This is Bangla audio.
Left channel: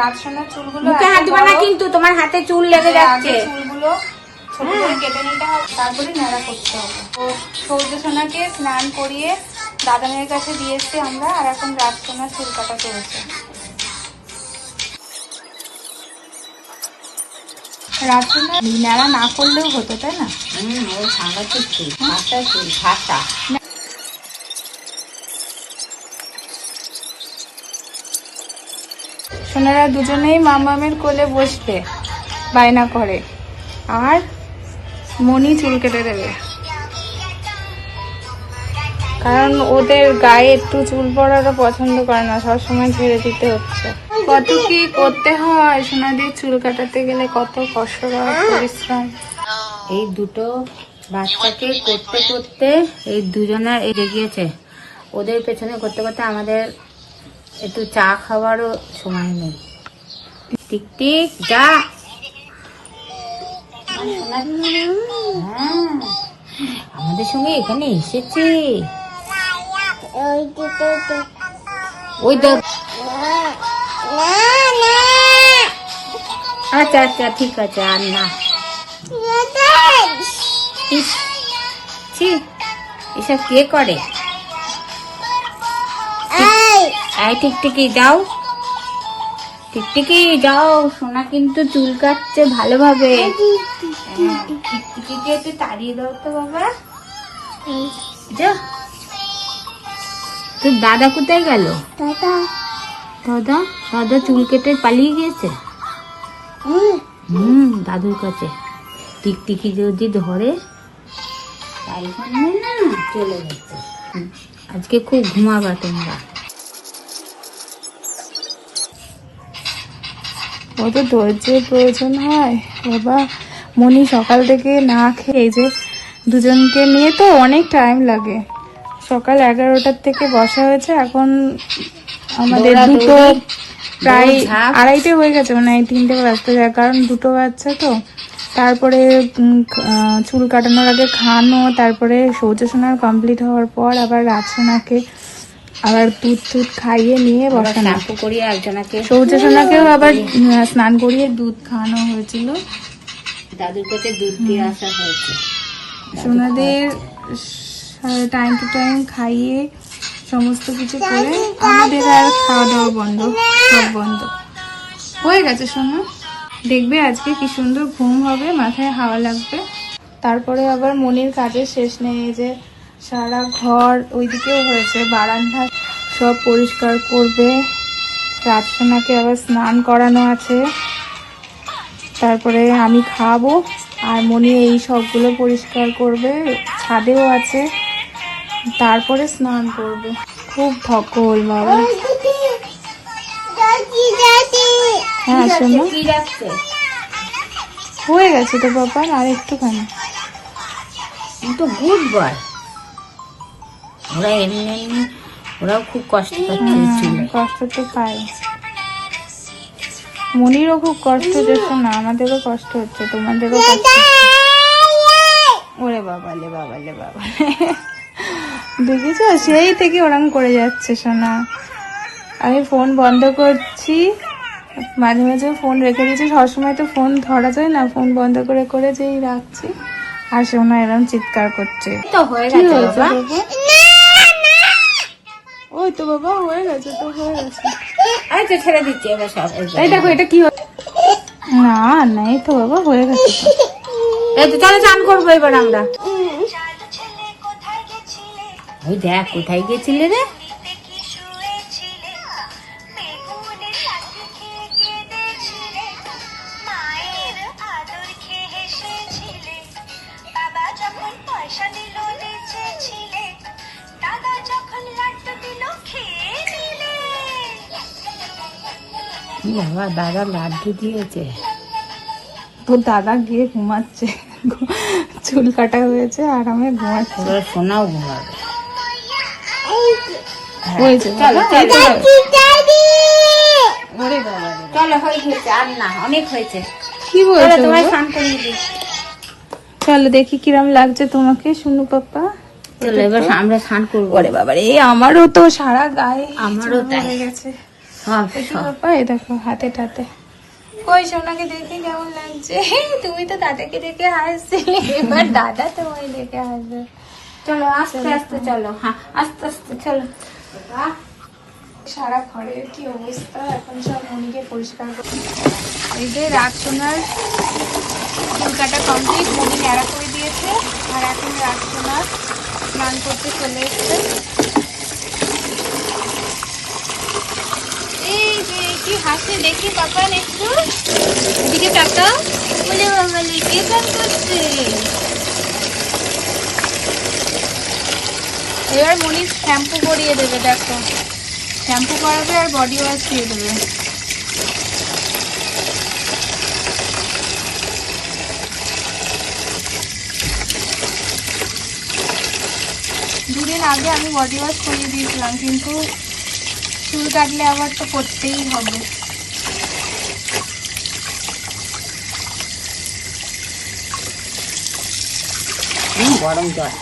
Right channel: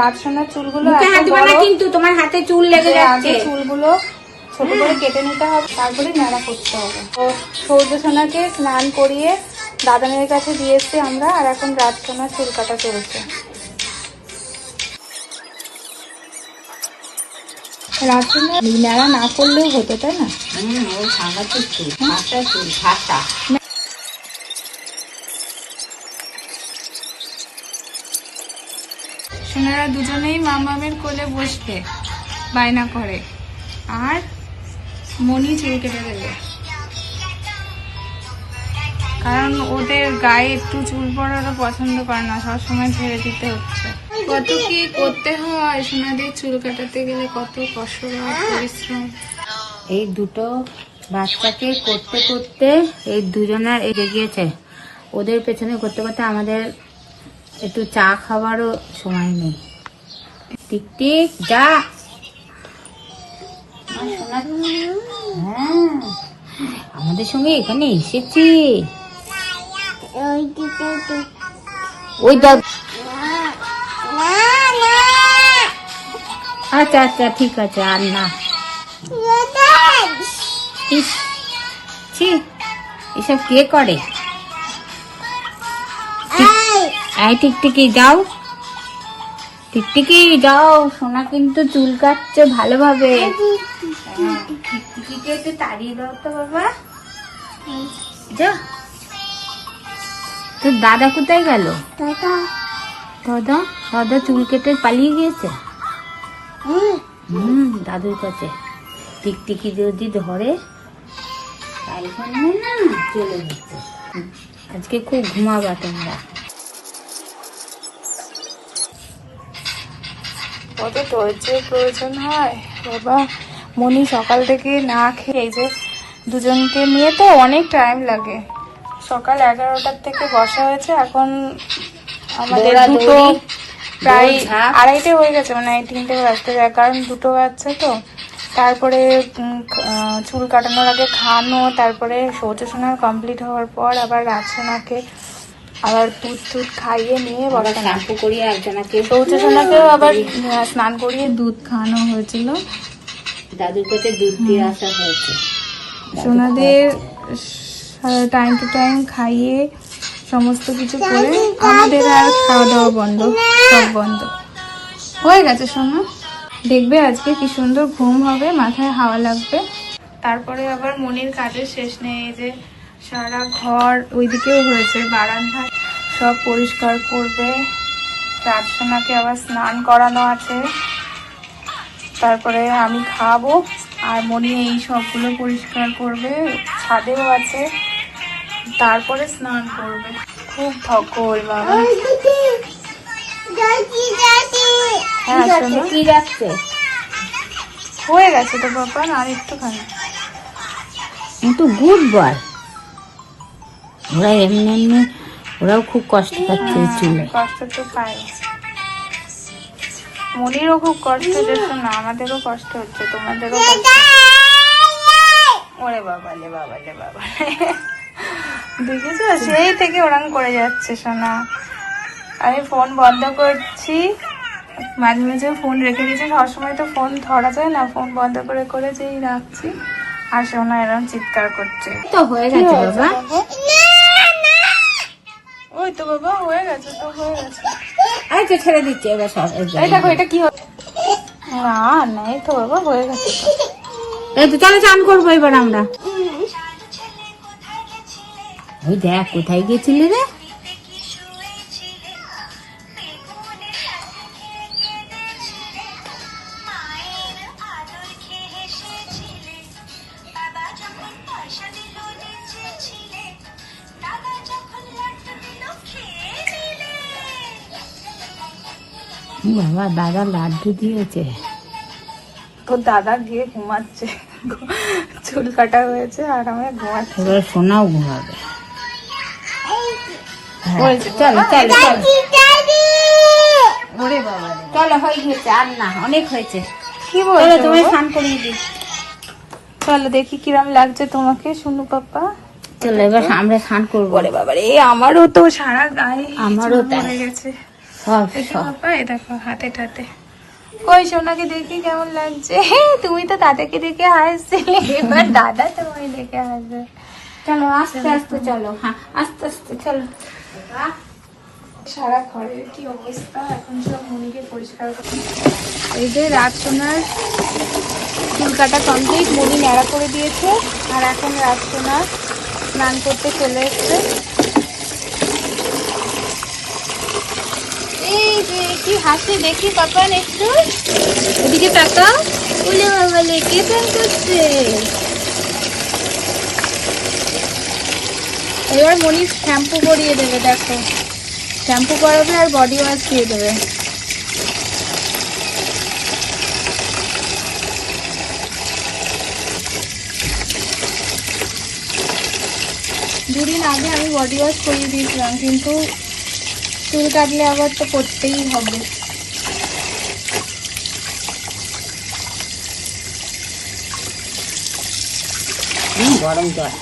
রাতসোনার চুলগুলো মুখে হাত দিবা না কিন্তু, তোমার হাতে চুল লেগে যাচ্ছে। চুলগুলো ছোট করে কেটে নিতে হবে, তারপরে নাড়া করতে হবে। সৌর্যসোনাকে স্নান করিয়ে দাদানের কাছে দিয়ে এসছি আমরা, আর এখন রাতসোনার চুল কাটা চলছে। রাতসোনা নাড়া না করলেও হতো, তাই না? ও সাংঘাতিক চুল, ফাটা চুল, ফাটা। সোনারা দুজনেই মামামের কোলে বসবে, বায়না করে। আর মনি চুল কেটে দেবে, কারণ ওদের গায়ে একটু চুল পড়াটা পছন্দ করে না, সবসময় ঘিরে দিতে হচ্ছে। কত কি করতে হয় সোনাদের চুল কাটাতে গেলে, কত কষ্ট করা পরিশ্রম। এই দুটো বাচ্চাকে করতে করতে এই দুজনা এগিয়ে গিয়েছে। ওদের পেছনে করতে করতে আমাদের একটু চা খাওয়ারও সময় নেই। টিক টিক যা। হ্যাঁ, আমাদের সঙ্গে এখানে এসেছি। ওই দেখ। আচ্ছা আচ্ছা ঠিক আছে, আর না। এসব কে করে? এই টিকটিকি যাও, টিকটিকি যাও। সোনা কিন্তু চুল কাটছে ভালোভাবে। টিকটিকিকে একটু তাড়িয়ে দাও তো বাবা। যা। তোর দাদা কোথায় গেল? দাদা দাদা চুল কেটে পালিয়ে গিয়েছে। দাদুর কাছে। টিকটিকি যদি ধরে তাইখানে না চলে যাচ্ছে। আজকে খুব ঘুমাবা তোমরা। ওকে ধৈর্যের প্রয়োজন হয় বাবা। মনি সকাল থেকে না খেয়ে, যে দুজনকে নিয়ে তো অনেক টাইম লাগে। সকাল 11টার থেকে বসা হয়েছে, এখন প্রায় 2:30 হয়ে গেছে, মানে 3টে বাজতে যায়, কারণ দুটো বাচ্চা তো। তারপরে চুল কাটানোর আগে খাওয়ানো, তারপরে সৌর্যসোনা কমপ্লিট হওয়ার পর আবার রাতসোনাকে আবার দুধ খাইয়ে নিয়ে শ্যাম্পু করিয়ে একজনকে সৌর্যসোনাকেও আবার স্নান করিয়ে দুধ খাওয়ানো হয়েছিল। দাদুর কাছে দুধ দিয়ে আসা হয়েছে। সোনাদের টাইম টু টাইম খাইয়ে সমস্ত কিছু করে আমাদের আর খাওয়া দাওয়া বন্ধ, সব বন্ধ হয়ে গেছে। সোনা দেখবে আজকে কি সুন্দর ঘুম হবে, মাথায় হাওয়া লাগবে। তারপরে আবার মনির কাজের শেষ নেই, যে সারা ঘর ওইদিকেও হয়েছে, বারান্দা সব পরিষ্কার করবে। রাতসোনাকে আবার স্নান করানো আছে, তারপরে আমি খাবো, আর মনি এই সবগুলো পরিষ্কার করবে, ছাদেও আছে, তারপরে স্নান করবে। খুব ধকল বাবা। হয়ে গেছে তো বাবা, আর একটুখানি। কিন্তু গুড বয়। ওরা এমনি ওরাও খুব কষ্ট পাচ্ছে চুলে। কষ্ট তো খাই, মনিরও খুব কষ্ট হচ্ছে না, আমাদেরও কষ্ট হচ্ছে, তোমাদেরও। ওরে বাবা দেখেছো, সেই থেকে ওরকম করে যাচ্ছে সোনা। আমি ফোন বন্ধ করছি, মাঝে মাঝে ফোন রেখে দিয়েছি, সবসময় তো ফোন ধরা যায় না, ফোন বন্ধ করে করে যেই রাখছি, আর সোনা এরকম চিৎকার করছে। তো হয়ে গেছে বাবা। ওই তো বাবা হয়ে গেছে, তো হয়ে গেছে। এই তো ছেড়ে দিচ্ছি এবার। এই দেখো এটা কি না না, এই তো বাবা হয়ে গেছে। এই তো চলো চান করবো এবার আমরা। ওই দেখ কোথায় গেছিলে রে? বাবা দাদা লাড্ডু দিয়েছে। তোর দাদা গিয়ে ঘুমাচ্ছে, চুল কাটা হয়েছে, আর আমি ঘুমাচ্ছি। সোনাও ঘুমাবে। ওরে বাবা চলো হয়েছে, আর না অনেক হয়েছে। কি বলছো তোমায় স্নান করিয়ে দিই। চলো দেখি কিরম লাগছে তোমাকে, শুনি পাপা। চলো এবার আমরা স্নান করবো। বাবারে আমারও তো সারা গায়ে আমারও হয়ে গেছে। সব একটু সব বাবা এই দেখো হাতে টাতে। ওই সোনাকে দেখে কেমন লাগছে? তুমি তো দাদাকে দেখে হাসছিলে, এবার দাদা তোমায় দেখে হাসবে। চলো আস্তে আস্তে চলো, হ্যাঁ আস্তে আস্তে চলো। সারা ঘরের কি অবস্থা, এখন সব মনিকে পরিষ্কার করে। এই যে রাত সোনার চুল কাটা কমপ্লিট, মনি ন্যাড়া করে দিয়েছে। আর এখন রাত সোনার স্নান করতে চলে এসছে। এই যে কি হাসে দেখি পাপান, একটু এদিকে টাকা বলে বাবা লেগে স্নান করছে। এবার মনি শ্যাম্পু করিয়ে দেবে, দেখো শ্যাম্পু করাবে আর বডি ওয়াশ দিয়ে দেবে। দুদিন আগে আমি বডি ওয়াশ করিয়ে দিয়েছিলাম, কিন্তু চুল কাটলে আবার তো করতেই হবে। গরম জল